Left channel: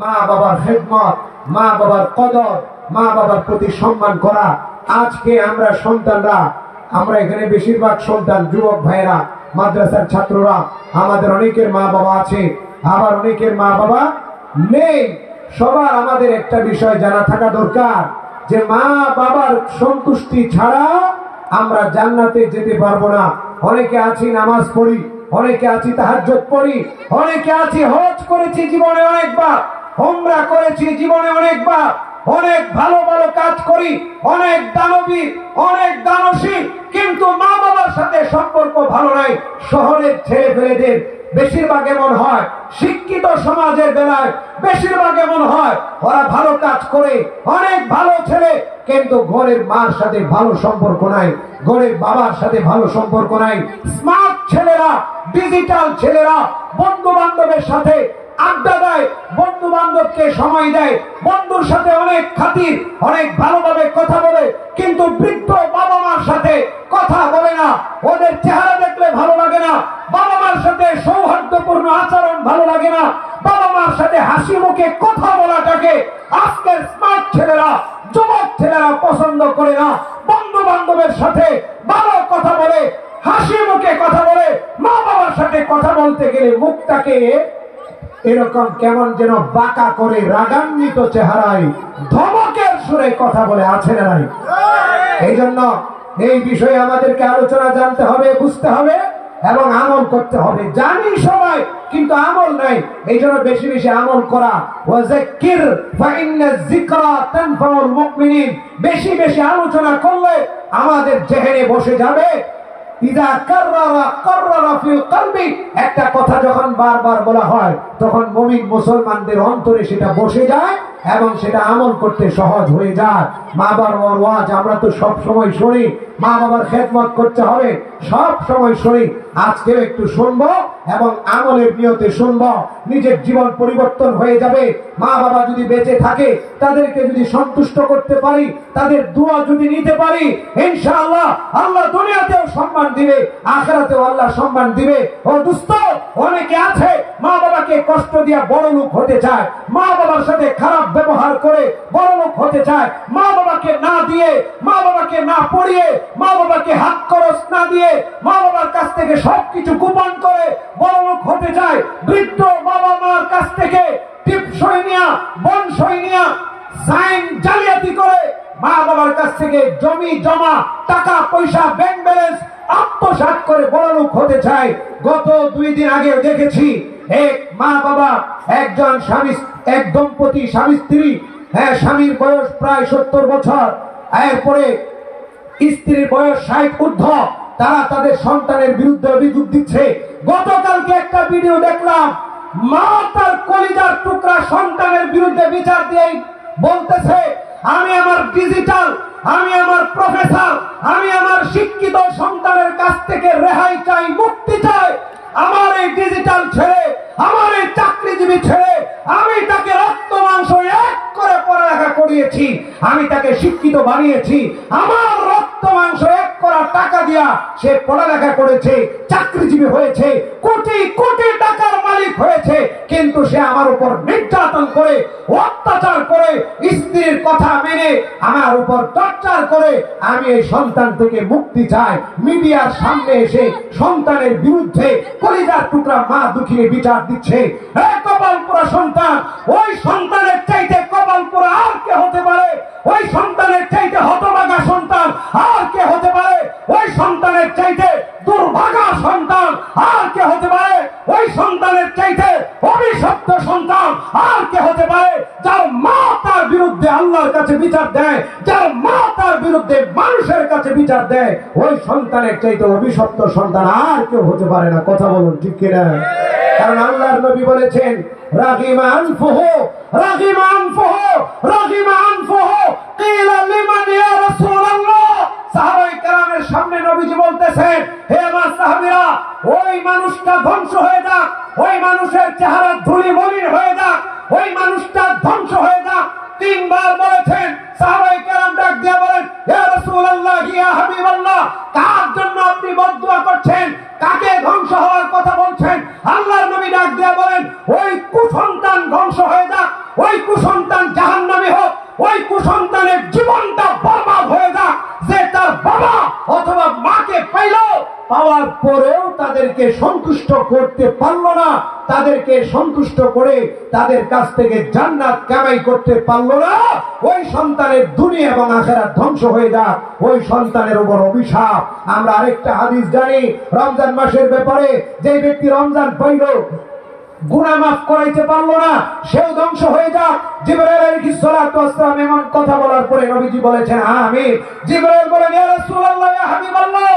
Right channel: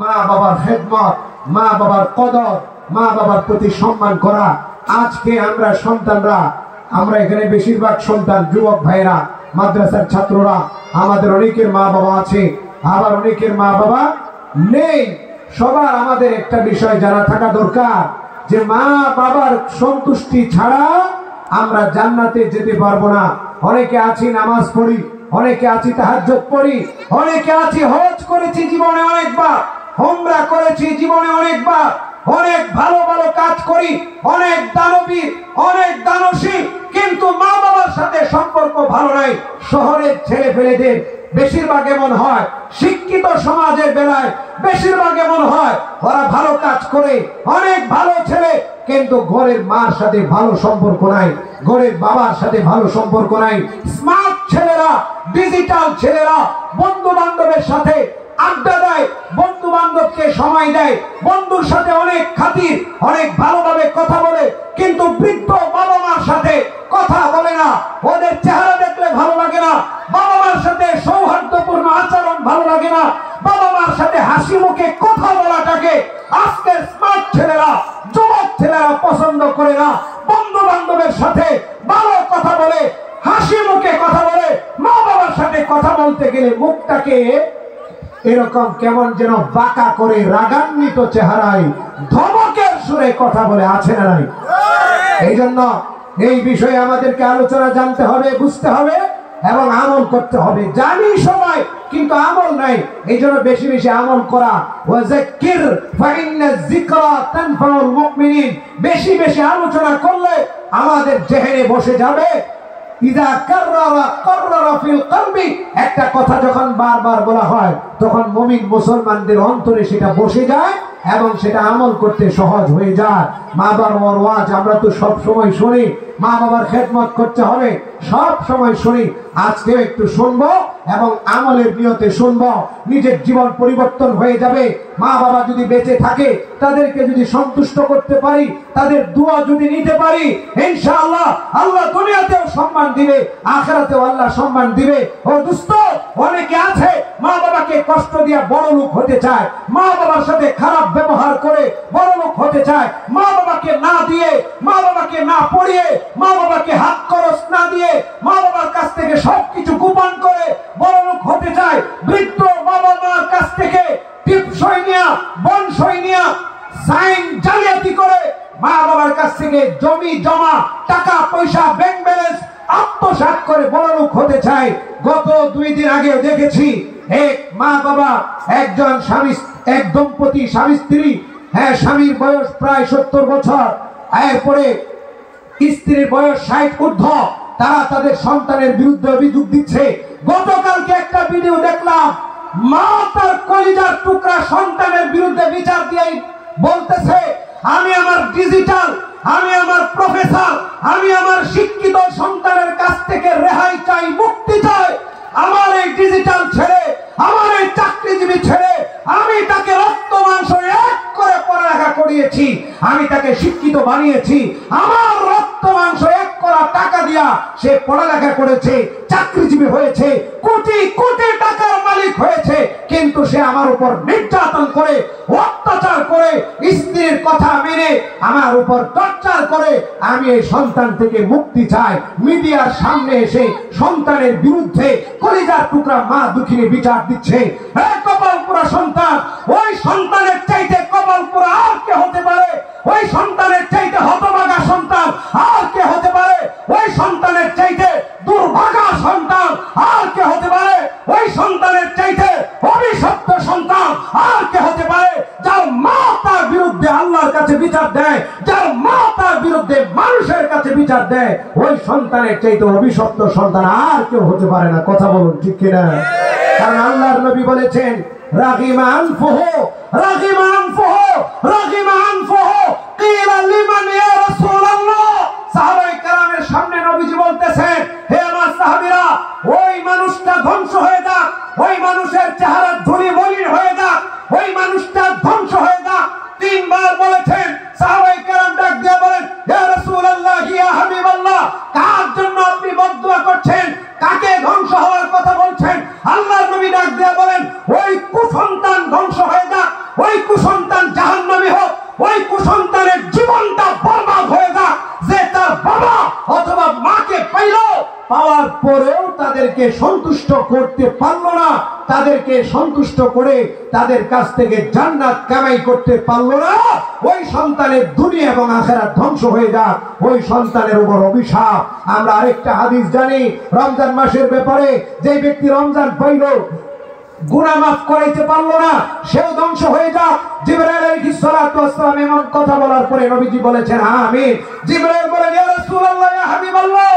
মা বাবার খেদমত, মা বাবার কদর, মা বাবার প্রতি সম্মান করা। আজকে আমরা সন্তানরা, আমরা এখানে বেশিরভাগ সন্তান যুবক ভাইরা, মাদ্রাসার ছাত্ররা, আমাদের অনেকের মা বাবা আছে, আবার অনেকের মা বাবা নেই। সবার আমাদের একটা বিষয় জানা থাকা দরকার যে মা বাবার সন্তুষ্টি ছাড়া আমরা জান্নাতে যেতে পারবো না। অনেকে আছি নামাজ পড়ি, অনেকে আছি তাহাজ্জুদ পড়ি, অনেকে আছি হজ করেছি জীবনে অনেকবার, উমরা করেছি জীবনে অনেকবার, অনেক ভালো ভালো কাজ করি, অনেক দানবীর, অনেক দানশীল, কিন্তু মা বাবার সাথে সম্পর্ক ভালো নাই। শহরের ছেলেপেলেদের বেশিরভাগ এমন হয়, শিক্ষিত সমাজের বেলায় বেশিরভাগ এমন হয়, ওরা ভালো কাজ করে, অনেক ভালো ছেলে, কিন্তু ঘরের মার সাথে ভালো সম্পর্ক নাই, ঘরের বাবার সাথে ভালো সম্পর্ক নাই। স্মার্ট ছেলেরা, ডিজিটাল ছেলেরা বন্ধু বান্ধবের সাথে আড্ডা দেয়, বন্ধু বান্ধবকে সময় দেয়, বন্ধুর সাথে অনেক খাতির, অনেক ভালোভাবে কথা বলে, কিন্তু বৃদ্ধ বাবা মার সাথে কথা বলে না। ওদের চেহারা দেখলে ভালো লাগে না, বাবা মার সাথে সৌহার্দ্যপূর্ণ আচরণ ভালো লাগে না, বাবা মার সাথে হাসি মুখে কথা বলাটাকে আজকের স্মার্ট ছেলেরা, যুবক ছেলেরা পছন্দ করে না। বন্ধু বান্ধবের সাথে ভালো কথা বলে, হাসি মুখে কথা বলে, মা বাবার সাথে কথা বলতে গেলে মুখটাকে এরকম কেমন যেন বাঁকা করে রাগান্বিত চেহারায় ধমকের সুরে কথা বলে, আছে না নাই? এই জন্য এই বিষয়ে আমাদেরকে আলোচনা জানতে হবে, বুঝতে হবে এবং আমল করতে হবে। জানি সবাই, কিন্তু আমল নাই। এই জন্য বেশি বেশি আমল করা, ওয়াযাক্কির ফাইন্না যিকরা তানফাউল মুমিনিন, বেশি বেশি আলোচনা করলে আমাদের জেহেনে বসে যাবে। ইযা কাররারা কাররারা ফিল কলবি, একটা কথা যখন বারবার বলা হয় তখন মুমিন মুসলমানদের অন্তরে সেটা বসে যায় এবং সেটা আমল করতে সহজ হয়ে যায়। মা বাবার ওয়াজ আমরা তো সব সময় শুনি, মা বাবার খেদমত করতে হবে, সব সময় শুনি। আজকে একটু শুনবো এবং আমলের নিয়তে শুনবো, নিজের জীবন পরিবর্তন হয়ে যাবে। মা বাবা যদি বেঁচে থাকে, তাদেরকে যদি সন্তুষ্ট করতে পারি, তাদের দোয়া যদি নিতে পারি, ইনশাআল্লাহ আল্লাহ দুনিয়াতেও সম্মান দিবে, আখিরাতেও আল্লাহ সম্মান দিবে। ও দোস্ত, অনেকে আছে মা বাবাকে কষ্ট দিয়ে বড় লোক হতে চায়, মা বাবার সাথে খারাপ ব্যবহার করে বড় লোক হতে চায়, মা বাবাকে না দিয়ে, মা বাবাকে না পড়িয়ে, মা বাবাকে হাত খরচ না দিয়ে, মা বাবার কাছ থেকে সবকিছু গোপন করে বড় লোক হতে চায়। বৃদ্ধ বাবা মার কাছ থেকে টিপসই নিয়া, বনসই নিয়া, সাইন জালিয়াতি করে মা বাবার কাছ থেকে জমি জমা, টাকা পয়সা, ব্যাংক ব্যালেন্স আত্মসাৎ করে বড় লোক হতে চায়। গত 2 দিন আগে দেখেছি এক মা বাবা, একজন স্বামী, এক দম্পতি স্বামী স্ত্রী, হ্যাঁ, স্বামীর বয়স প্রায় 70 বছর, এরপরে স্ত্রীর বয়স 60 ঊর্ধ্ব, তারা তাদের সন্তানের বিরুদ্ধে অভিযোগ দিচ্ছে। গতকালকে একটা ভিডিও দেখলাম, মা তার কলিজার টুকরা সন্তানের বিরুদ্ধে বিচার দিয়ে বলতেছে, আমি আমার ডিজিটাল, আমি আমার প্রফেসর, আমি আমার শিক্ষিত সন্তানের কাছ থেকে রেহাই চাই, মুক্তি চাই। আমার এই ডিজিটাল ছেলে, আমার এই চাকরিজীবী ছেলে, আমি তাকে রক্ত মাংস এক করে পড়ালেখা করিয়েছি, আমি তাকে শিক্ষিত বানিয়েছি, আমার রক্ত মাংস এক করা টাকা দিয়া সে পড়ালেখা করেছে, চাকরিজীবী হয়েছে, কোটি কোটি টাকার মালিক হয়েছে, কিন্তু সে আমার উপর নির্যাতন করে, অত্যাচার করে, স্ত্রীর কথা মেনে আমার উপর টর্চার করে। আমি এই সন্তান থেকে মুক্তি চাই। মিডিয়ার সামনে এসে সন্তানের বিরুদ্ধে কলিজার টুকরা মা দুঃখিনী বিচার দিচ্ছে। এই কপালপুরা সন্তান, ওই সন্তানের চাইতে কপালপুরা আর কে হতে পারে? ওই সন্তানের চাইতে হতভাগা সন্তান আর কে হতে পারে? ওই সন্তানের চাইতে দুর্ভাগা সন্তান আর কে হতে পারে? ওই সন্তানের চাইতে অভিশপ্ত সন্তান আর কে হতে পারে? যার মা তার বিরুদ্ধে আল্লাহর কাছে বিচার দেয়, যার মা তার বিরুদ্ধে মানুষের কাছে বিচার দেয়, ওই সন্তানের চাইতে অভিশপ্ত সন্তান আর কেউ হতে পারে না। কথা বলুন, ঠিক কিনা? কারণ আল্লাহর নবী বলেছেন, রাগিমা আনফুহু, রাগিমা আনফুহু, রাগিমা আনফুহু, কিলা লিমান ইয়া রাসূলুল্লাহ। সাহাবায়ে কেরামের সামনে নবীজি বলতেছেন, হে আমার সাহাবীরা, ওই মানুষটা ধ্বংস হয়ে যাক, ওই মানুষের চেহারা ধুলি মলিন হয়ে যাক, ওই মানুষটা ধ্বংস হয়ে যাক। 3 বার বলেছেন। সাহাবায়ে কেরাম ডাক দিয়ে বলেন, ইয়া রাসূলুল্লাহ, ইয়া হাবিবাল্লাহ, কার জন্য আপনি বদদুয়া করছেন? কাকে ধ্বংস হওয়ার কথা বলছেন? আল্লাহর নবী ডাক দিয়ে বলেন, ওই কুসন্তান ধ্বংস হয়ে যাক, ওই কুসন্তান জাহান্নামী হোক, ওই কুসন্তানের জীবনটা বরবাদ হয়ে যাক, যে তার বাবা অথবা মাকে পাইল, পাওয়ার পরেও তাদেরকে সন্তুষ্ট করতে পারলো না, তাদেরকে সন্তুষ্ট করে তাদের কাছ থেকে জান্নাত কামাই করতে পারলো না, ওই সন্তানের দুনিয়া এবং আখিরাত ধ্বংস হয়ে যাক, ওই সন্তানের উপর অভিশাপ। আমরা আরেকটা হাদিস জানি রমজান মাসের ব্যাপারে, যে ব্যক্তি রমজান পাইল গুনাহ মাফ করাইতে পারলো না, সেও ধ্বংস হয়ে যাক। জিবরাইল আলাইহিস সালাতু ওয়াস সালাম এমন কথা বলার পরে নবীজি বলেছেন আমিন। জিবরাইল বলেন ইয়া রাসূলুল্লাহ, ইয়া হাবিবাল্লাহ,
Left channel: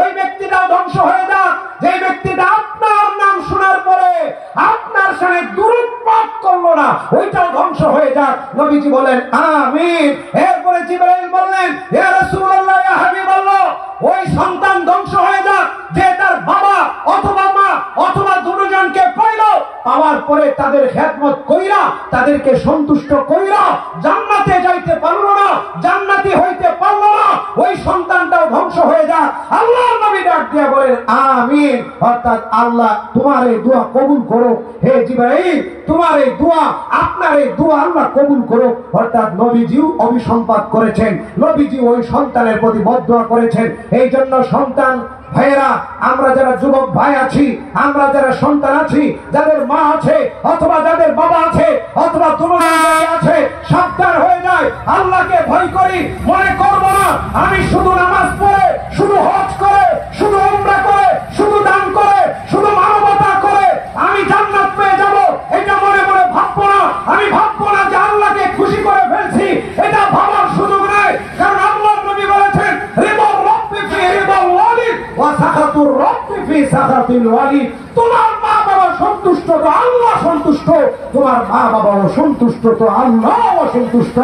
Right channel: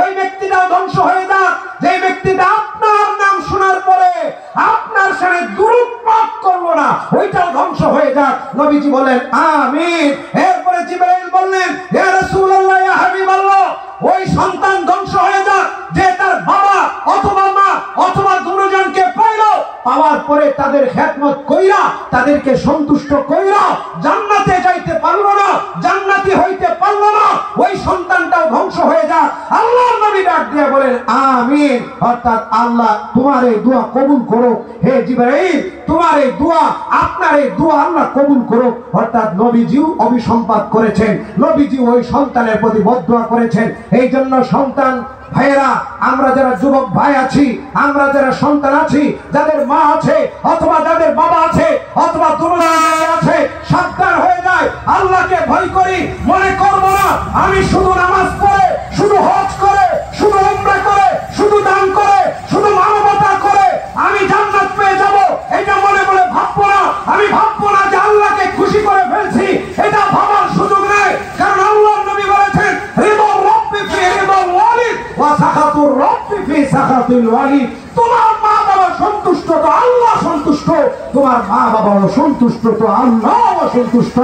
ওই ব্যক্তিটাও ধ্বংস হয়ে যাক যে ব্যক্তিটা আপনার নাম শোনার পরে আপনার সাথে দুরূদ পাঠ করলো না, ওইটাও ধ্বংস হয়ে যাক। নবীজি বলেন আমিন। এরপরে জিবরাইল বললেন ইয়া রাসূলুল্লাহ, ইয়া হাবিবাল্লাহ, ওই সন্তান ধ্বংস হয়ে যাক যে তার বাবা অথবা মা অথবা দুজনকে পাইল, পাওয়ার পরে তাদের খেদমত কইরা তাদেরকে সন্তুষ্ট কইরা জান্নাতে যাইতে পারলো না, জান্নাতি হইতে পারলো না, ওই সন্তানটাও ধ্বংস হয়ে যাক। আল্লাহর নবী ডাক দিয়ে বলেন আমিন। অর্থাৎ আল্লাহ তোমার এই দোয়া কবুল করো, হে জিবরাইল তোমার এই দোয়া, আপনার এই দোয়া আল্লাহ কবুল করো। অর্থাৎ নবীজিও অভিসম্পাত করেছেন, নবীজি ওই সন্তানের প্রতি বদদোয়া করেছেন। এই জন্য সন্তান ভাইরা, আমরা যারা যুবক ভাই আছি, আমরা যারা সন্তান আছি, যাদের মা আছে অথবা যাদের বাবা আছে অথবা দুজনেই আছে, সাবধান হয়ে যায়, আল্লাহকে ভয় করি, মনে করব না আমি শুধু নামাজ পড়ে, শুধু হজ করে, শুধু উমরা করে, শুধু দান করে, শুধু মানবতা করে আমি জান্নাত পেয়ে যাব, এটা মনে মনে ভাববো না। আমি ভাববো না যে আল্লাহকে খুশি করে ফেলছি, এটা ভাবার সুযোগ নেই। কারণ আল্লাহর নবী বলেছেন রিদা রাব্বি ফি রিদাল ওয়ালিদ ওয়া সাখাতুর রাব্বি ফি সাখাতিল ওয়ালিদ। তোমার মা বাবা সন্তুষ্ট তো আল্লাহ সন্তুষ্ট, তোমার মা বাবাও সন্তুষ্ট তো আল্লাহ সন্তুষ্ট।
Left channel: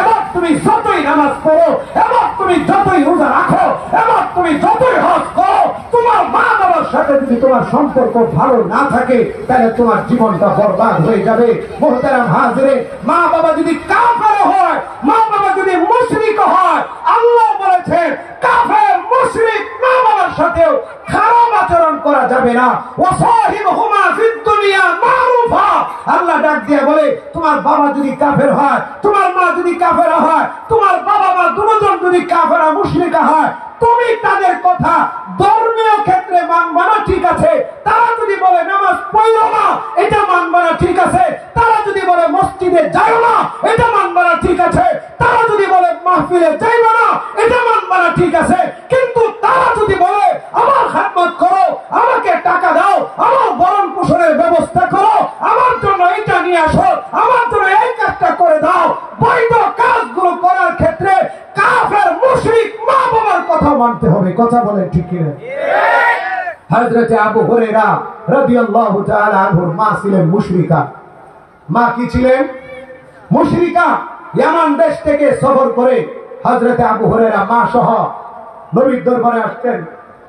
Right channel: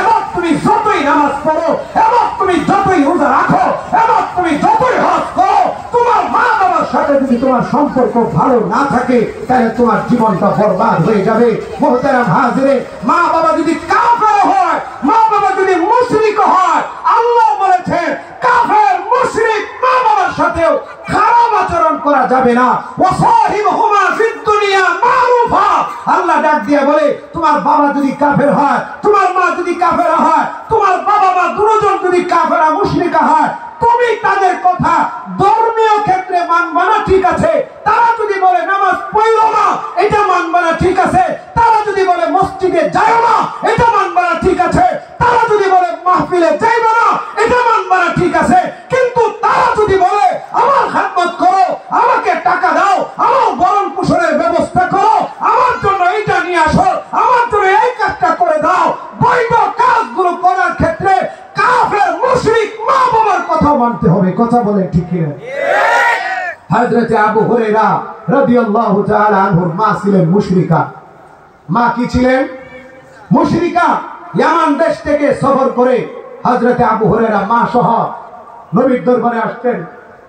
এবং তুমি যতই নামাজ পড়ো, এবং তুমি যতই রোজা রাখো, এবং তুমি যতই হজ করো, তোমার মা বাবার সাথে যদি তোমার সম্পর্ক ভালো না থাকে তাহলে তোমার জীবনটা বরবাদ হয়ে যাবে। মুহতারাম হাজিরে, মা বাবা যদি কাফের হয়, মা বাবা যদি মুশরিক হয়, আল্লাহ বলেছেন কাফের মুশরিক মা বাবার সাথেও খারাপ আচরণ করা যাবে না। ওয়াসাহিবহুমা ফিদ দুনিয়া মারুফা। আল্লাহ ডাক দিয়ে বলে তোমার বাবা যদি কাফের হয়, তোমার মা যদি কাফের হয়, তোমার বাবা মা দুজন যদি কাফের মুশরিক হয়, তুমি তাদের কথা ধর্মীয় ক্ষেত্রে মানবা না, ঠিক আছে। তারা যদি বলে নামাজ পড়ো না, এটা মানবা না, ঠিক আছে। তারা যদি বলে মসজিদে যাও না, এটা মানবা না, ঠিক আছে। তারা যদি বলে মাহফিলে যাইবা না, এটা মানবা না, ঠিক আছে। কিন্তু তারা যদি বলে আমার খেদমত করো, আমাকে টাকা দাও, আমার ভরণ পোষণের ব্যবস্থা করো, আমার জন্য এইটা নিয়ে আসো, আমার জন্য এই কাজটা করে দাও, বৈধ কাজগুলো করার ক্ষেত্রে কাফের মুশরিক মা বাবার কথা মানতে হবে। কথা বলেন ঠিক কিনা? হযরত আবু হুরায়রা রাদিয়াল্লাহু তাআলা আনহুর মা ছিলেন মুশরিকা। মা কি ছিলেন? মুশরিকা। ইয়ামান দেশ থেকে সফর করে হযরত আবু হুরায়রা মা সহ নবীর দরবারে আসতেন।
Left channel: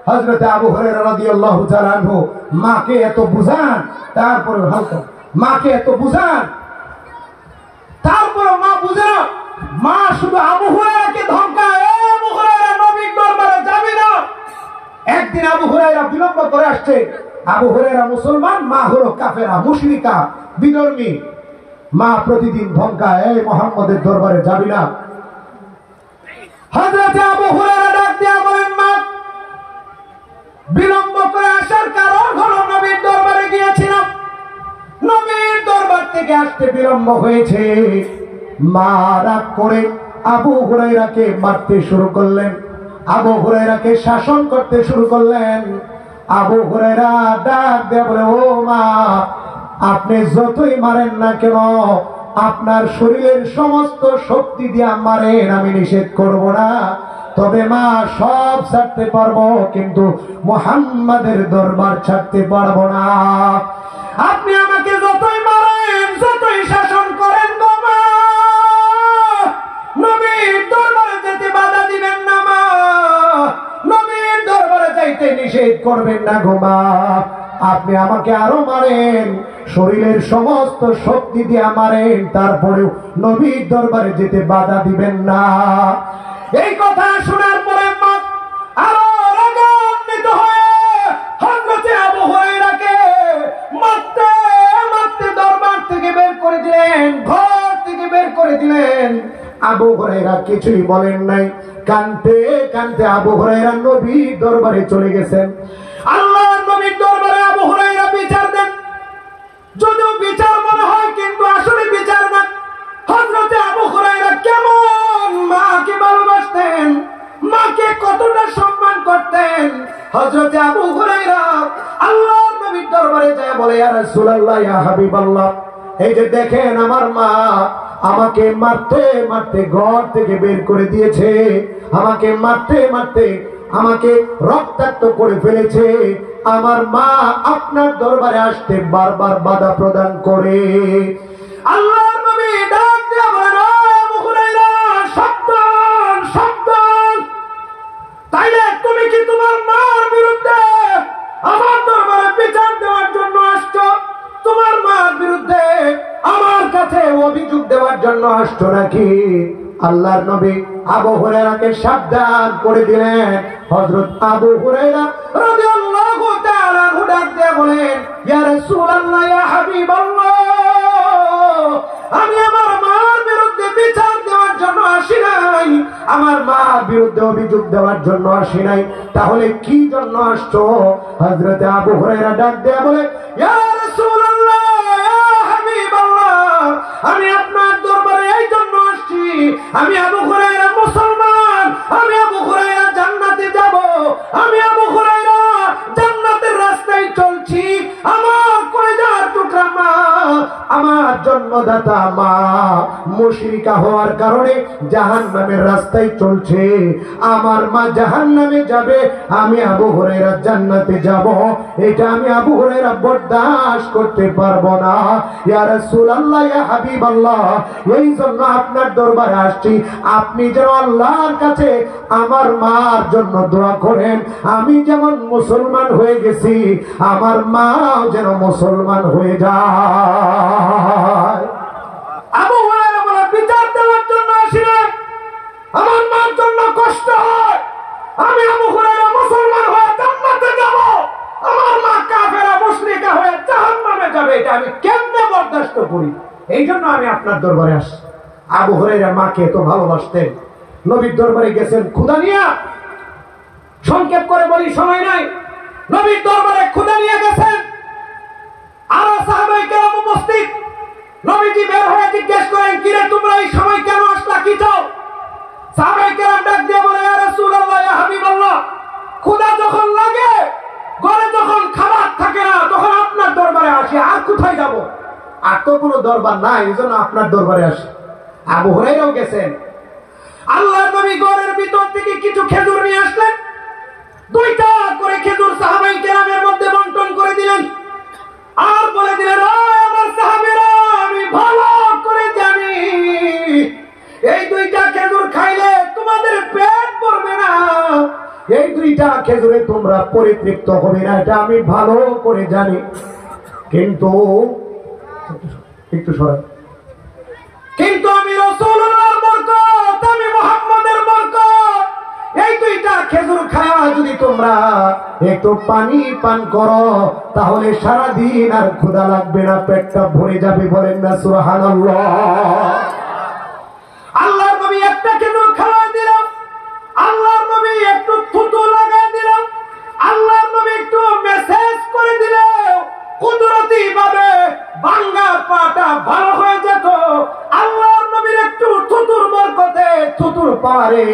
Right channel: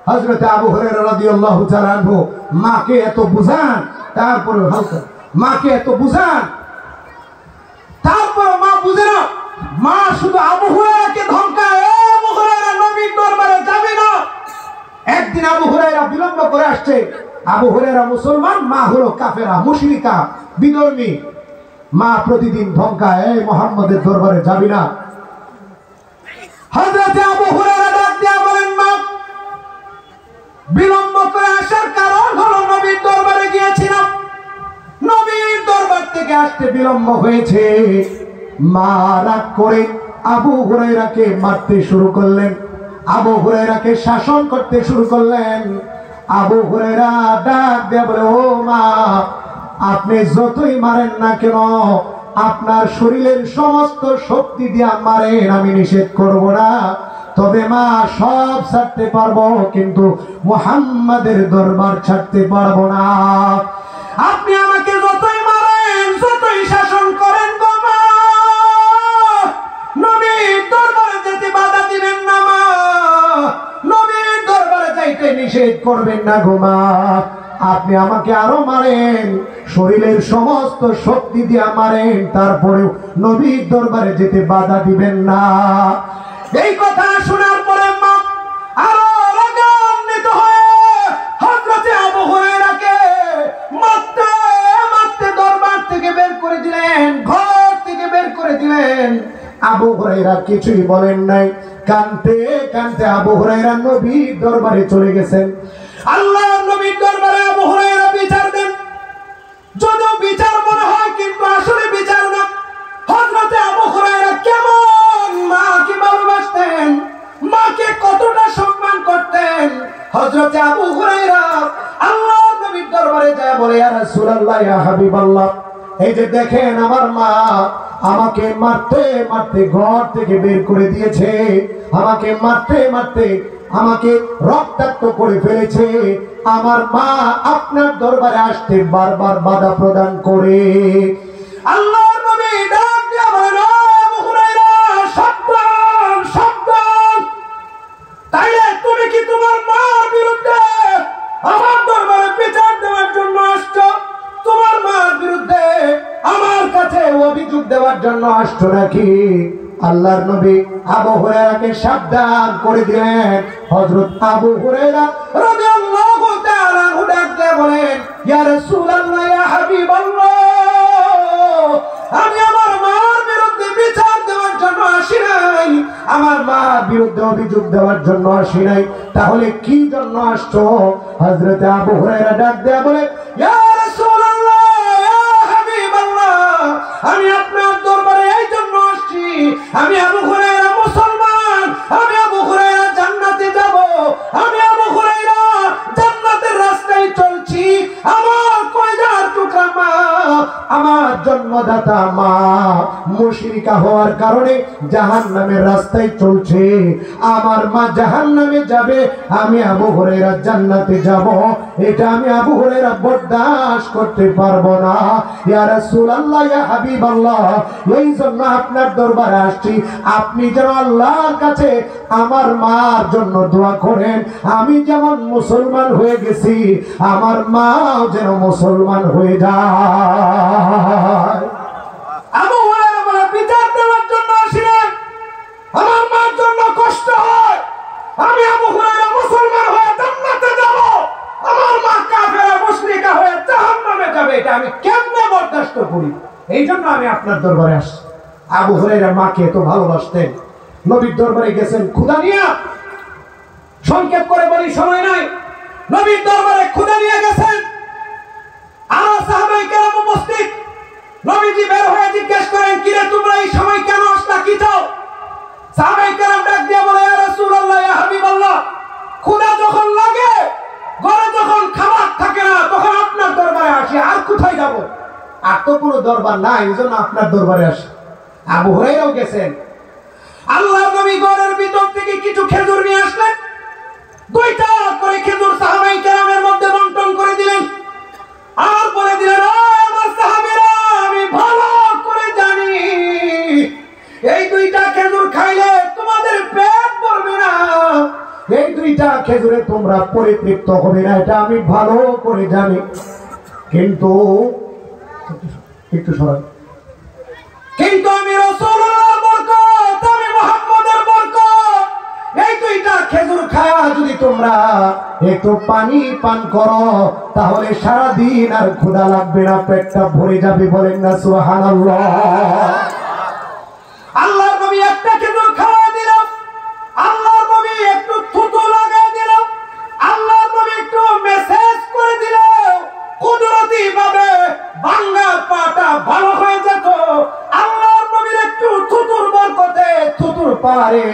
হযরত আবু হুরায়রা রাদিয়াল্লাহু তাআলা আনহু মাকে এত বুঝান, তারপরে হালকা মাকে এত বুঝান, তারপর মা বুঝে না। মা শুধু আবু হুরায়রাকে ধমকায়, এ আবু হুরায়রা নবীর দরবারে যাবি না। একদিন আবু হুরায়রা বিলম্ব করে আসছে। আবু হুরায়রা মুসলমান, মা হলো কাফেরা মুশরিকা বিধর্মী। মা প্রতিদিন ধমকায়, এই মুহাম্মদের দরবারে যাবি না। হযরত আবু হুরায়রা ডাক দিয়া বলেন মা, বিলম্ব করে আসার কারণ হলো নবীর দরবারে গিয়েছিলাম, নবীর দরবার থেকে আসতে বিলম্ব হয়েছে। মা রাগ করে আবু হুরায়রাকে মারতে শুরু করলেন, আবু হুরায়রাকে শাসন করতে শুরু করলেন। আবু হুরায়রা ডাক দিয়ে বলে, ও মা, আপনি যতই মারেন না কেন, আপনার শরীরের সমস্ত শক্তি দিয়ে মারেন, আমি নিষেধ করব না, তবে মা সব ছাড়তে পারবো, কিন্তু মুহাম্মাদের দরবার ছাড়তে পারবো না। আপনি আমাকে যতই মারেন, যতই শাসন করেন গো মা, নবীর দরবারে যেতে বাধা দিবেন না মা, নবীর দরবারে যাইতে নিষেধ করবেন না গো মা। আপনি আমাকে আরো মারেন, শরীরের সমস্ত শক্তি দিয়ে মারেন, তারপরেও নবীর দরবারে যেতে বাধা দিবেন না। এই কথা শোনার পরে মা আরো রাগান্বিত হয়ে হযরত আবু হুরায়রাকে মারতে মারতে দরবার থেকে বের করে দিলেন। করে দিলেন। আবু হুরায়রা কিছুই বলেন নাই, কাঁদতে কাঁদতে আবু হুরায়রা নবীর দরবারে চলে গেছেন। আল্লাহর নবীর দরবারে আবু হুরায়রা বিচার দেন। যদিও বিচার মনে হয় কিন্তু আসলে বিচার না। হযরতে আবু হুরায়রা কেমন মাকে ভালোবাসতেন, মাকে কতটা সম্মান করতেন। হযরতে আবু হুরায়রা আল্লাহর নবীর দরবারে যায় বলে, ইয়া রাসূলুল্লাহ, ইয়া হাবিবাল্লাহ, এই যে দেখেন আমার মা আমাকে মারতে মারতে ঘর থেকে বের করে দিয়েছে, আমাকে মারতে মারতে আমাকে রক্তাক্ত করে ফেলেছে। আমার মা আপনার দরবারে আসতে বারবার বাধা প্রদান করে। আল্লাহর নবী ডাক দিয়ে বলেন, আবু হুরায়রা, সাবধান সাবধান, তাইলে তুমি কি তোমার মার বিরুদ্ধে আমার দরবারে বিচার দেওয়ার জন্য আসছো? তোমার মার বিরুদ্ধে আমার কাছে অভিযোগ দেওয়ার জন্য আসছো নাকি? আল্লাহর নবী আবু হুরায়রাকে সাবধান করে দিলেন। হযরত আবু হুরায়রা রাদিয়াল্লাহু তাআলা আনহু ডাক দিয়ে বলেন, ইয়া রাসূলুল্লাহ, ইয়া হাবিবাল্লাহ, আমি আমার মার বিরুদ্ধে বিচার দেওয়ার জন্য আসি নাই, আমার মার বিরুদ্ধে অভিযোগ দেওয়ার জন্য আসি নাই, তাহলে কি জন্য আসছো? হযরত আবু হুরায়রা ডাক দিয়ে বলে, ইয়া রাসূলুল্লাহ, ইয়া হাবিবাল্লাহ, আমি আপনার দরবারে এই জন্য আসছি, আমি আবু হুরায়রা মুসলমান, আমি আবু হুরায়রা জান্নাতে যাব, আমি আবু হুরায়রা জান্নাতের রাস্তায় চলছি। আমার কয়জার টুকরা মা, আমার জন্মদাতা মা মুশরিকা হওয়ার কারণে জাহান্নামের রাস্তায় চলছে। আমার মা জাহান্নামে যাবে, আমি আবু হুরায়রা জান্নাতে যাব, এটা আমি আবু হুরায়রা বরদাস্ত করতে পারবো না। ইয়া রাসূলুল্লাহ, ইয়া হাবিবাল্লাহ, এই জন্য আপনার দরবারে আসছি, আপনি যেন আল্লাহর কাছে আমার মার জন্য দোয়া করেন। আমি যেমন মুসলমান হয়ে গেছি, আমার মাও যেন মুসলমান হয়ে যায়। আবু হুরায়রা বলে, বিচার দেওয়ার জন্য আসি না, আমার মার জন্য কষ্ট হয়, আমি আবু হুরায়রা মুসলমান হয়ে জান্নাতে যাব, আমার মা কাফেরা মুশরিকা হয়ে জাহান্নামে যাবে, এটা আমি কেমনে বরদাস্ত করি? এই জন্য আমি আপনার দরবারে আসছি। আবু হুরায়রা মাকে এত ভালোবাসতেন, নবীর দরবারে গেছেন ক্ষুধা নিয়ে। সংক্ষেপ করে বলি, সময় নাই। নবীর দরবারে ক্ষুধা নিয়ে গেছেন, আর সাহাবায়ে কেরাম উপস্থিত। নবীজি বের হয়ে জিজ্ঞেস করেন, কিরে তোমরা এই সময় কেন আসলা, কি চাও? সাহাবায়ে কেরাম ডাক দিয়ে বলে, ইয়া রাসূলুল্লাহ, ইয়া হাবিবাল্লাহ, ক্ষুধা যখন লাগে, ঘরে যখন খাবার থাকে না, তখন আপনার দরবারে আসি, আর কোথায় যাব? আর তো কোনো দরবার নাই, এজন্য আপনার দরবারে আসি। আবু হুরায়রাও গেছেন। আল্লাহর নবী ঘরের ভিতর থেকে কিছু খেজুর নিয়ে আসলেন, দুইটা করে খেজুর সাহাবায়ে কেরামের মধ্যে বন্টন করে দিলেন, আর বলে দিলেন, আমার সাহাবীরা, আমি ভালো করে জানি এই দুইটা খেজুর খাইলে তোমাদের পেট ভরবে না, এই দুইটা খেজুরে তোমরা পরিতৃপ্ত হবে না, এটা আমি ভালো করে জানি। কিন্তু একটু সরাই, কিন্তু আমি রাসূলুল্লাহর বরকত, আমি মুহাম্মদের বরকত, এই দুইটা খেজুর খাওয়া যদি তোমরা একটু পানি পান করো, তাহলে সারা দিন আর ক্ষুধা লাগবে না, পেটটা ভরে যাবে। বলেন না সুবহানাল্লাহ। আল্লাহর নবী একটা খেজুর খাওয়া দিল, আল্লাহর নবী একটু থুতু লাগাই দিল, আল্লাহর নবী একটু মেসেজ করে দিল, কুদরতি ভাবে ভাঙা পাটা ভালো হয়ে যেত। আল্লাহর নবীর একটু থুতুর বরকতে, থুতুর পাওয়ারে,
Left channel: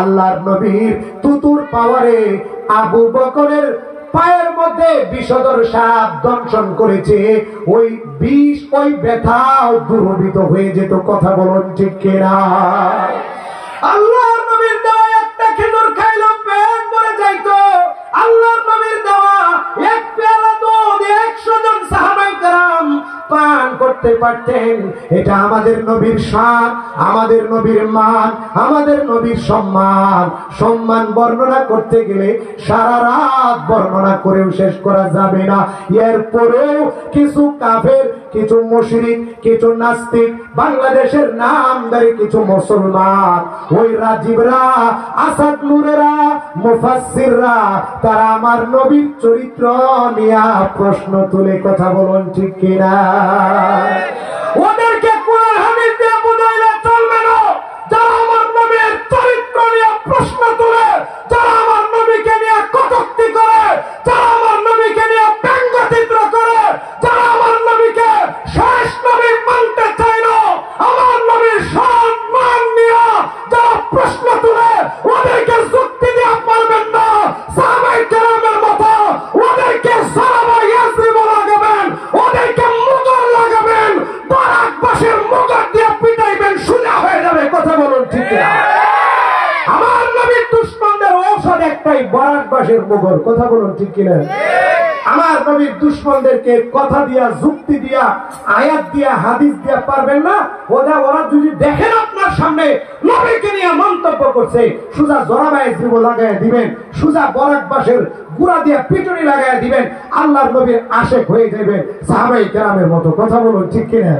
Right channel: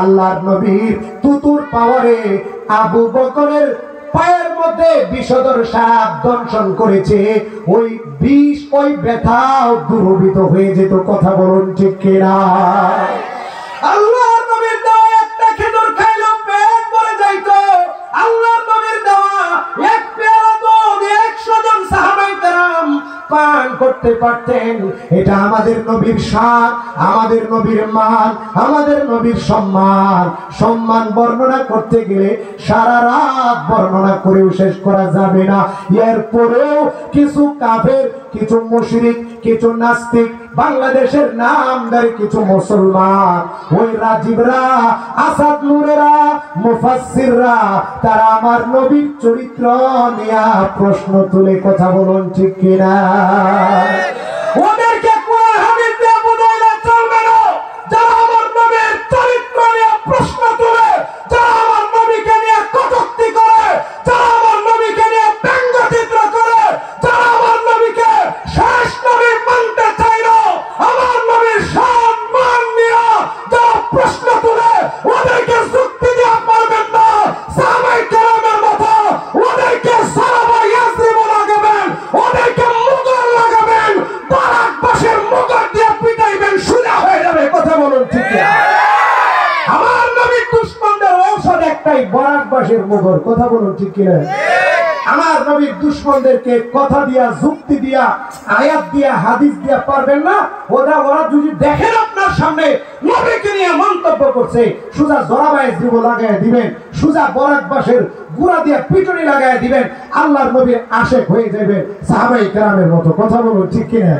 আল্লাহর নবীর থুতুর পাওয়ারে আবু বকরের পায়ের মধ্যে বিষধর সাপ দংশন করেছে, ওই বিষ, ওই ব্যথাও দূরীভূত হয়ে যেত। কথা বলুন ঠিক কিনা? আল্লাহর নবীর দেওয়া একটা খেজুর খাইলো পেট ভরে যাইতো। আল্লাহর নবীর দেওয়া এক পেয়ালা দুধ 100 জন সাহাবায়ে কেরাম পান করতে পারতেন। এটা আমাদের নবীর শান, আমাদের নবীর মান, আমাদের নবীর সম্মান। সম্মান বর্ণনা করতে গেলে সারা রাত বর্ণনা করেও শেষ করা যাবে না। এরপরেও কিছু কাফের, কিছু মুশরিক, কিছু নাস্তিক, বাংলাদেশের নামদারি কিছু মুসলমান, ওই রাজীবরা, আসাদ নূরেরা, মুফাসসিররা, তারা আমার নবীর চরিত্র নিয়ে প্রশ্ন তুলে। কথা বলুন ঠিক কিনা? ওদেরকে কোরআন হাদিস দিয়ে বুঝাই মুখর দিয়ে পিটাইবেন সোজা হয়ে যাবে। কথা বলুন ঠিক কিনা? আমার নবীর দুশমনদের ঔষধ একটাই, বরাকবাসীর মুখর। কথা বলুন ঠিক কিনা? আমার নবীর দুশমনদেরকে কথা দিয়া, যুক্তি দিয়া, আয়াত দিয়া, হাদিস দিয়া পারবেন না। ওরা যদি দেখেন আপনার সামনে নবীকে নিয়ে মন্তব্য করছে, সোজা জরাবায় জীব লাগাই দিবেন, সোজা বরাকবাসের গুড়া দিয়া পিটুনি লাগাই দিবেন, আল্লাহর নবীর আশেক হয়ে যাবেন সাহাবায়ে কেরামের মতো। কথা বলুন ঠিক কিনা?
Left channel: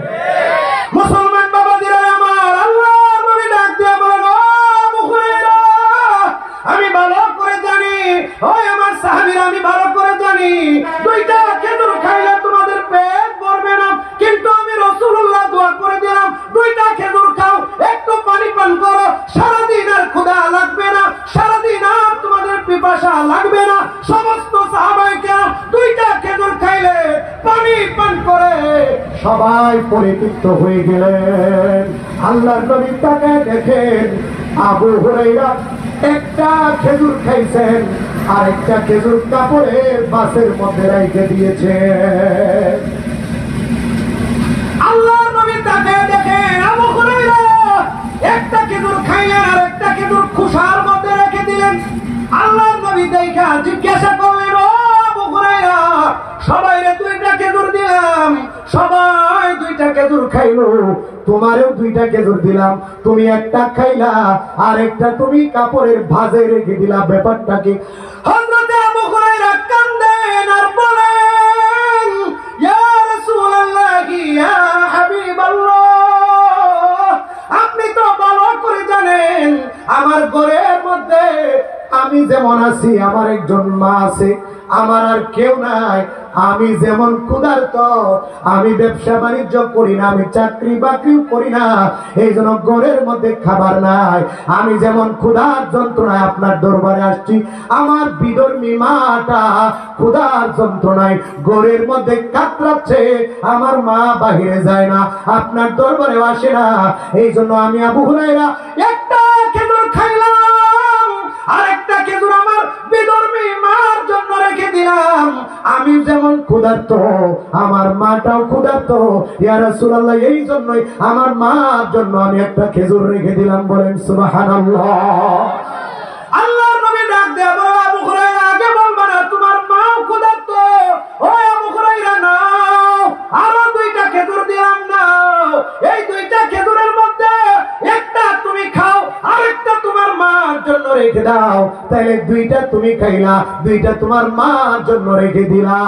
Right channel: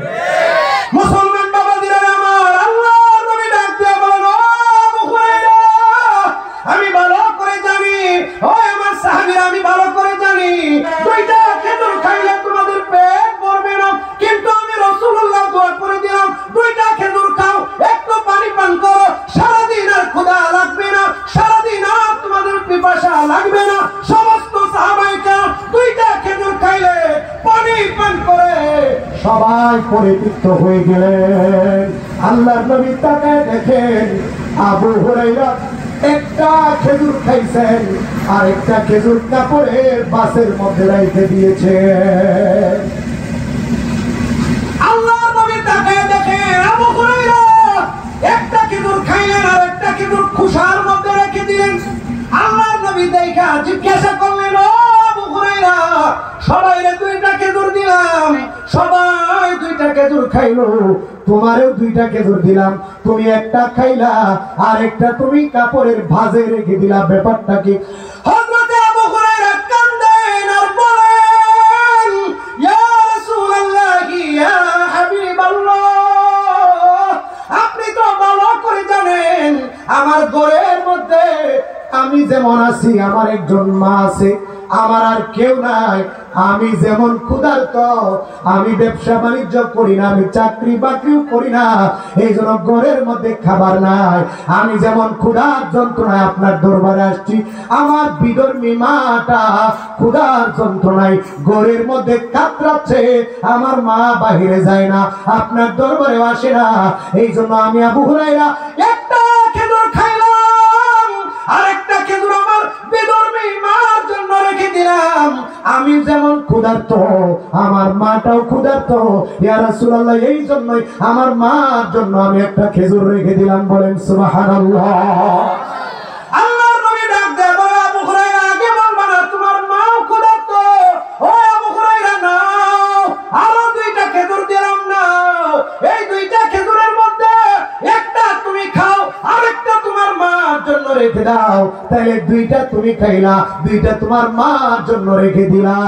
মুসলমান বাবাদিরা আমার, আল্লাহর নবী ডাক দিয়ে বলেন, ও আবু হুরায়রা, আমি ভালো করে জানি, ও আমার সাহাবীরা, আমি ভালো করে জানি দুইটা খেজুর খাইলে তোমাদের পেট ভরবে না, কিন্তু আমি রাসূলুল্লাহ দোয়া করে দিলাম দুইটা খেজুর খাও, একটু পানি পান করো, সারাদিন আর ক্ষুধা লাগবে না, সারাদিন আর তোমাদের পিপাসা লাগবে না। সমস্ত সাহাবায়ে কেরাম দুইটা খেজুর খাইলে, পানি পান করে সবাই পরিতৃপ্ত হয়ে গেলেন। আল্লাহর নবী তাকায় দেখেন আবু হুরায়রা একটা খেজুর খাইছেন, আর একটা খেজুর কাপড়ের বাসের মধ্যে রেখে দিয়েছে। আল্লাহর নবী তাকায় দেখেন আবু হুরায়রা একটা খেজুর খাইলেন, আর একটা খেজুর খোসার মধ্যে রেখে দিলেন। আল্লাহর নবী দেখা জিজ্ঞাসা করলেন, ও আবু হুরায়রা, সবাইরে দুইটা খেজুর দিলাম, সবাই দুইটা খেজুর খাইলো, তোমারেও দুইটা খেজুর দিলাম, তুমি একটা খাইলা আর একটা তুমি কাপড়ের ভাঁজে রেখে দিলা, ব্যাপারটা কি? হযরত আবু হুরায়রা কান্দেন আর বলেন, ইয়া রাসূলুল্লাহ, ইয়া হাবিবাল্লাহ, আপনি তো ভালো করে জানেন আমার ঘরের মধ্যে আমি যেমন আছি, আমার একজন মা আছে, আমার আর কেউ নাই। আমি যেমন ক্ষুধার্ত, আমি ব্যবসা বাণিজ্য করি না, আমি চাকরি বাকরিও করি না, এই জন্য ঘরের মধ্যে খাবার নাই। আমি যেমন ক্ষুধার যন্ত্রণায় আপনার দরবারে আসছি, আমার বিধর্মী মাটা ক্ষুধার যন্ত্রণায় ঘরের মধ্যে কাতরাচ্ছে, আমার মা বাহিরে যায় না, আপনার দরবারেও আসে না। এই জন্য আমি আবু হুরায়রা একটা খেজুর খাইলাম, আরেকটা খেজুর আমার বিধর্মী মার জন্য রেখে দিলাম। আমি যেমন ক্ষুধার্ত, আমার মাটাও ক্ষুধার্ত, ইয়া রাসূলুল্লাহ, এই জন্যই আমার মার জন্য আমি একটা খেজুর রেখে দিলাম। বলেন সুবহানাল্লাহ। আল্লাহর নবী ডাক দেয়া বলে, আবু হুরায়রা, আগে বলবা না তোমার মাও ক্ষুধার্ত? ও আবু হুরায়রা, নাও, আরো দুইটা খেজুর দিলাম, নাও, এই দুইটা খেজুরের মধ্যে একটা তুমি খাও, আরেকটা তোমার মার জন্য রেখে দাও। তাইলে দুইটা তুমি খাইলা, দুইটা তোমার মার জন্য রেখে দিলা,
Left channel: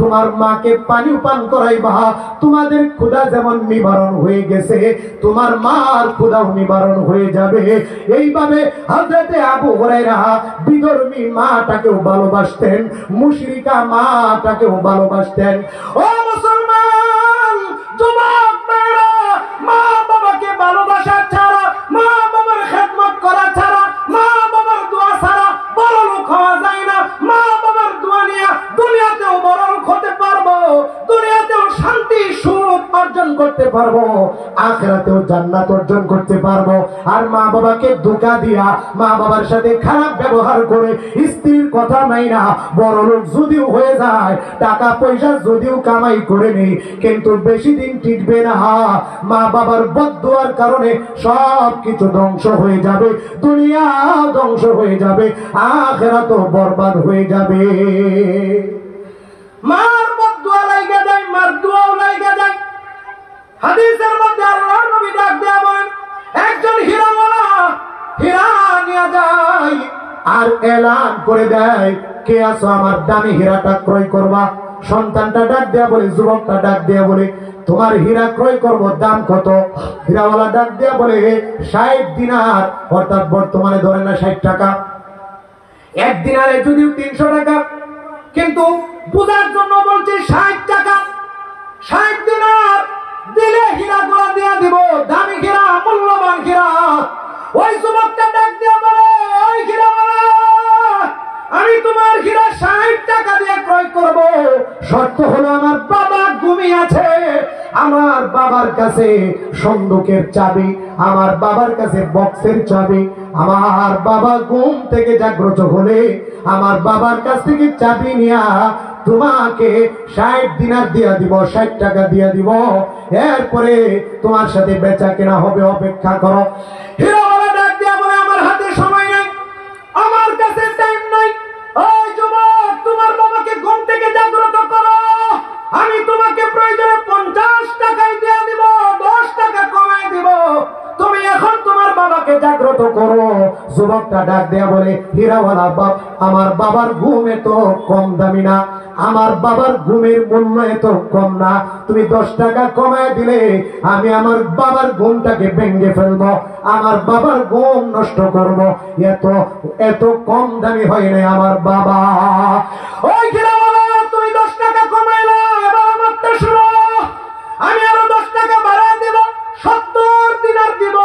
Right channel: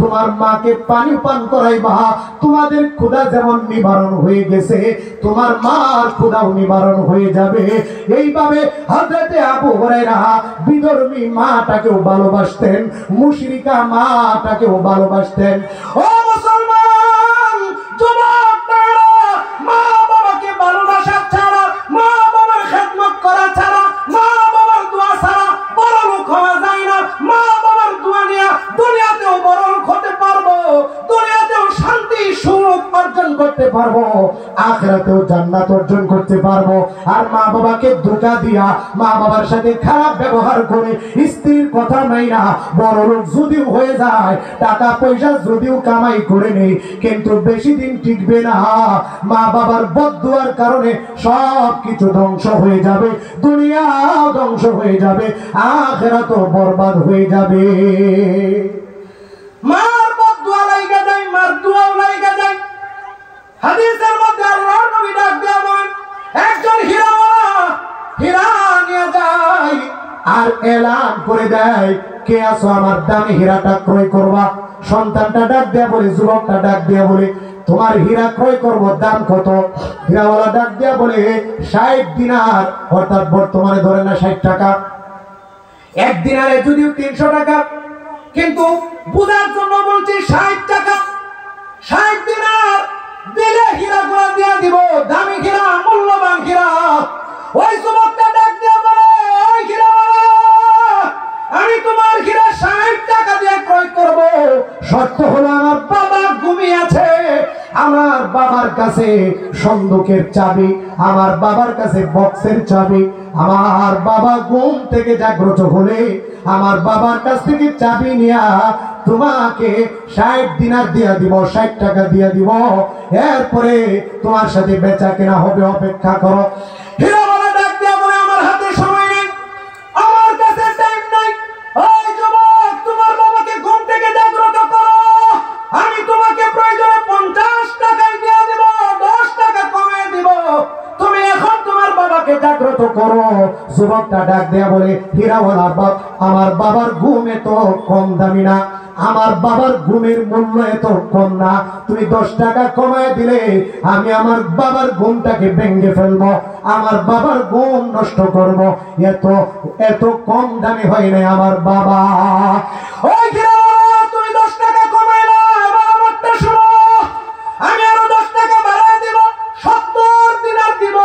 তোমার মাকে পানি পান করাইবা, তোমাদের ক্ষুধা যেমন নিবারণ হয়ে গেছে, তোমার মার ক্ষুধাও নিবারণ হয়ে যাবে। এইভাবে হযরত আবু হুরায়রা বিধর্মী মাটাকেও ভালোবাসতেন, মুশরিকা মাটাকেও ভালোবাসতেন। ও মুসলমান যুবক ভাইরা, মা বাবাকে ভালোবাসা ছাড়া, মা বাবার খেদমত করা ছাড়া, মা বাবার দোয়া ছাড়া বড় লোক হওয়া যায় না। মা বাবার দোয়া নিয়ে দুনিয়াতেও বড় লোক হতে পারবো, দুনিয়াতেও শান্তি সুখ অর্জন করতে পারবো, আখিরাতেও জান্নাত অর্জন করতে পারবো। আর মা বাবাকে ধোঁকা দিয়া, মা বাবার সাথে খারাপ ব্যবহার করে, স্ত্রীর কথা মাইনা বড় লোক যদিও হয়ে যায়, টাকা পয়সা যদিও কামাই করে নেই, কিন্তু বেশি দিন টিকবে না। মা বাবার বদদুয়ার কারণে সব কিছু ধ্বংস হয়ে যাবে, দুনিয়া ধ্বংস হয়ে যাবে, আখিরাতও বরবাদ হয়ে যাবে। মার বদদুয়া লাগা যায়, মার দোয়াও লাগা যায়। হাদিসের মধ্যে আল্লাহর নবী ডাক দেয়া বলেন, একজন হীরাওয়ালা হীরা নিয়ে যায় আর এলান করে দেয়, কে আছো আমার দামি হীরাটা ক্রয় করবা? সন্তানটা ডাক দেয়া বলে, যুবকটা ডাক দেয়া বলে, তোমার হীরা ক্রয় করব, দাম কত? হীরাওয়ালা ডাক দেয়া বলে, 60 দিনার, অর্থাৎ বর্তমানে ধরে না 60 টাকা। এক দিনারে যদিও 300 টাকা, কিন্তু বুঝার জন্য বলছি 60 টাকা। 60 দিনার দিলে হীরা গুলা দিয়া দিব, দামি হীরা, মূল্যবান হীরা। ওই যুবকটা ডাক দিয়া বলে, ওই হীরাওয়ালা, আমি তোমার হীরা 60 টাকা দিয়ে ক্রয় করব, শর্ত হলো আমার বাবা ঘুমিয়ে আছে, আমার বাবার কাছে সন্দুকের চাবি, আমার বাবার কাছে বক্সের চাবি, আমার বাবা ঘুম থেকে জাগ্রত হলে আমার বাবার কাছ থেকে চাবি নিয়া তোমাকে 60 দিনার দিয়া দিব, 60 টাকা দিয়া দিব, এরপরে তোমার সাথে বেচা কেনা হবে, অপেক্ষা করো। হীরাওয়ালা ডাক দিয়া বলে আমার হাতে সময় নেই, আমার কাছে টাইম নাই। ওই যুবক, তোমার বাবাকে ঘুম থেকে জাগ্রত করো, আমি তোমাকে প্রয়োজনে 50 টাকাই দিয়ে দিব, 10 টাকা কমায় দিব, তুমি এখন তোমার বাবাকে জাগ্রত করো। যুবকটা ডাক দেয়া বলে হীরাওয়ালা বাপ, আমার বাবার ঘুম এত কম দামি না, আমার বাবার ঘুমের মূল্য এত কম না, তুমি 10 টাকা কমায় দিলে আমি আমার বাবার ঘুমটাকে ভেঙে ফেলবো, আমার বাবার ঘুম নষ্ট করব, এত কম দামি হয় না আমার বাবা। ওই হীরাওয়ালা, তুমি 10 টাকা কমাইলা, এবার আমারটা শুনো, আমি আরো 10 টাকা বাড়ায় দিব, 70 দিনার দিব,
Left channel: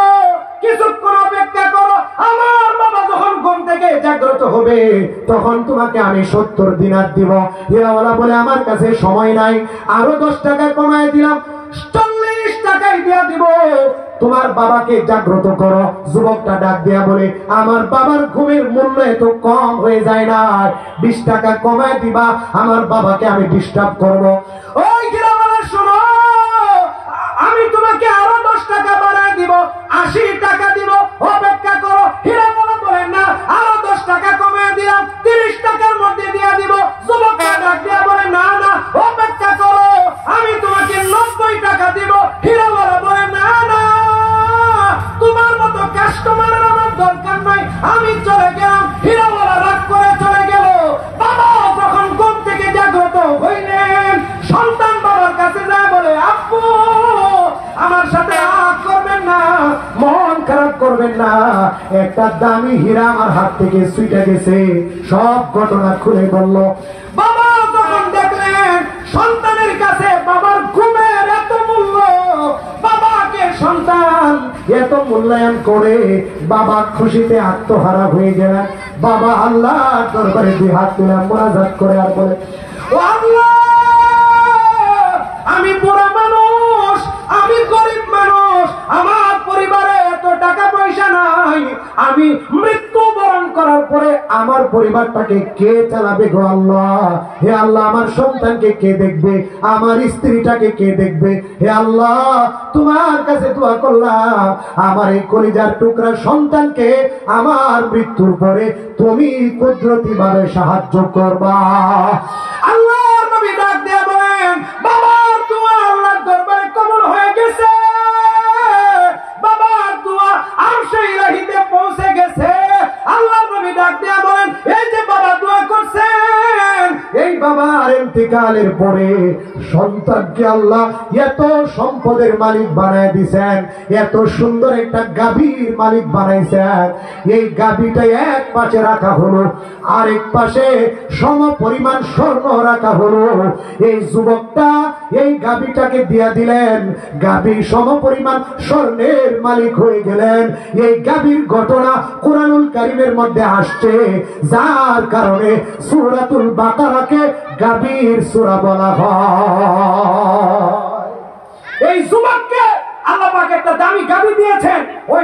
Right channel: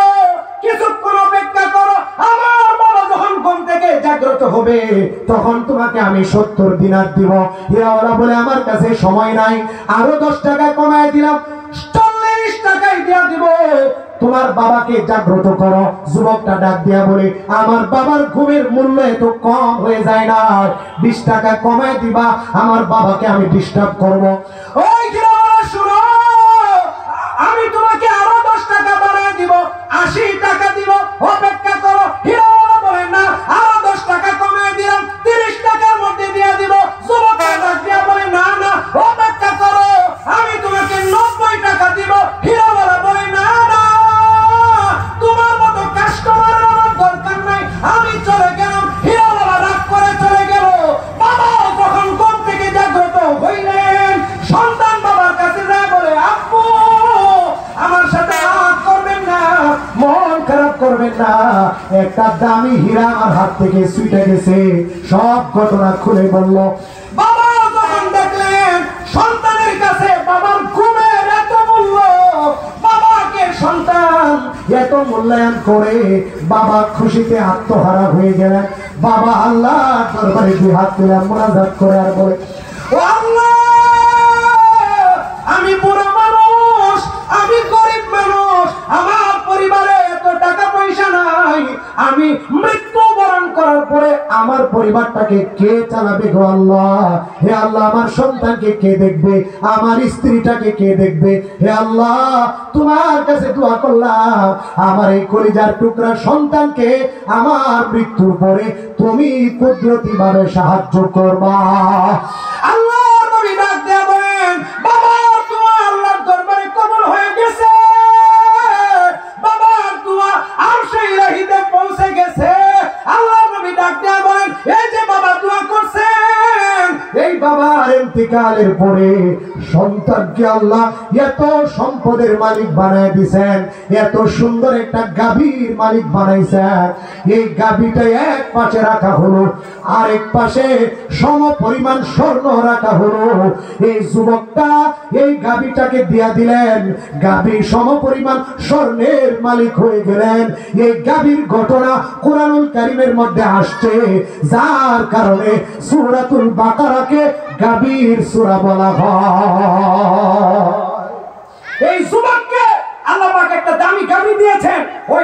কিছুক্ষণ অপেক্ষা করো, আমার বাবা যখন ঘুম থেকে জাগ্রত হবে তখন তোমাকে আমি 70 দিনার দিব। হীরাওয়ালা বলে আমার কাছে সময় নাই, আরো 10 টাকা কমায় দিলাম, 40 টাকাই দিয়া দিব, তোমার বাবাকে জাগ্রত করো। যুবকটা ডাক দিয়া বলে আমার বাবার ঘুমের মূল্য এত কম হয়ে যায় না, 20 টাকা কমায় দিবা, আমার বাবাকে আমি ডিস্টার্ব করব। ওই হীরাওয়ালা শুনো, আমি তোমাকে আরো 10 টাকা বাড়ায় দিব, 80 টাকা দিব, অপেক্ষা করো। হীরাওয়ালা বলে না, আরো 10 টাকা কমিয়ে দিলাম, 30 টাকার মধ্যে দিয়ে দিব। যুবকরা ডাক দিয়া বলে না না, অপেক্ষা করো, আমি তোমাকে 90 টাকা দিব। হীরাওয়ালা বলে না না, তোমার মতো কাস্টমারের আমার দরকার নাই, আমি চলে গেলাম। হীরাওয়ালা রাগ করে চলে গেল। বাবা যখন ঘুম থেকে জাগ্রত হইলেন, সন্তান বাবার কাছে যায় বলে আব্বু, আমার সাথে রাগ করবেন না, মন খারাপ করবেন না, একটা দামি হীরা আমার হাত থেকে ছুটে গেছে। সব ঘটনা খুলে বলল। বাবা যখন দেখলেন সন্তানের কাছে বাবার ঘুমের এত মূল্য, বাবাকে সন্তান এত মূল্যায়ন করে, বাবা খুশিতে আত্মহারা হয়ে গেলেন। বাবা আল্লাহর দরবারে 2 হাত তুলে মুনাজাত করে আর বলে, ও আল্লাহ, আমি বুড়া মানুষ, আমি গরিব মানুষ, আমার পরিবারে এত টাকা পয়সা নাই, আমি মৃত্যুবরণ করার পরে আমার পরিবারটাকে কে চালাবে গো আল্লাহ? হে আল্লাহ, আমার সন্তানকে কে দেখবে, আমার স্ত্রীটাকে কে দেখবে? হে আল্লাহ, তোমার কাছে দোয়া করলাম, আমার এই কলিজার টুকরা সন্তানকে আমার মৃত্যুর পরে তুমি কুদরতি ভাবে সাহায্য করবা। আল্লাহর নবী ডাক দিয়ে বলেন, বাবার দোয়া আল্লাহর দরবারে কবুল হয়ে গেছে, বাবার দোয়া আরশে ইলাহিতে পৌঁছে গেছে। আল্লাহর নবী ডাক দিয়ে বলেন, এই যে বাবা দোয়া করছেন, এই বাবার ইন্তিকালের পরে সন্তানকে আল্লাহ এত সম্পদের মালিক বানায় দিয়েছেন, এত সুন্দর একটা গাভীর মালিক বানাইছেন। এই গাভীটা এক পাশে রাখা হলো, আরেক পাশে সম পরিমাণ স্বর্ণ রাখা হলো। এই যুবকটা এই গাভীটাকে দিয়া দিলেন, গাভী সম পরিমাণ স্বর্ণের মালিক হয়ে গেলেন। এই গাভীর ঘটনা কুরআনুল কারীমের মধ্যে আসছে, যার কারণে সূরাতুল বাকারাকে গাভীর সূরা বলা হয়। এই যুবককে আল্লাহ পাক একটা দামি গাভী দিয়েছেন, ওই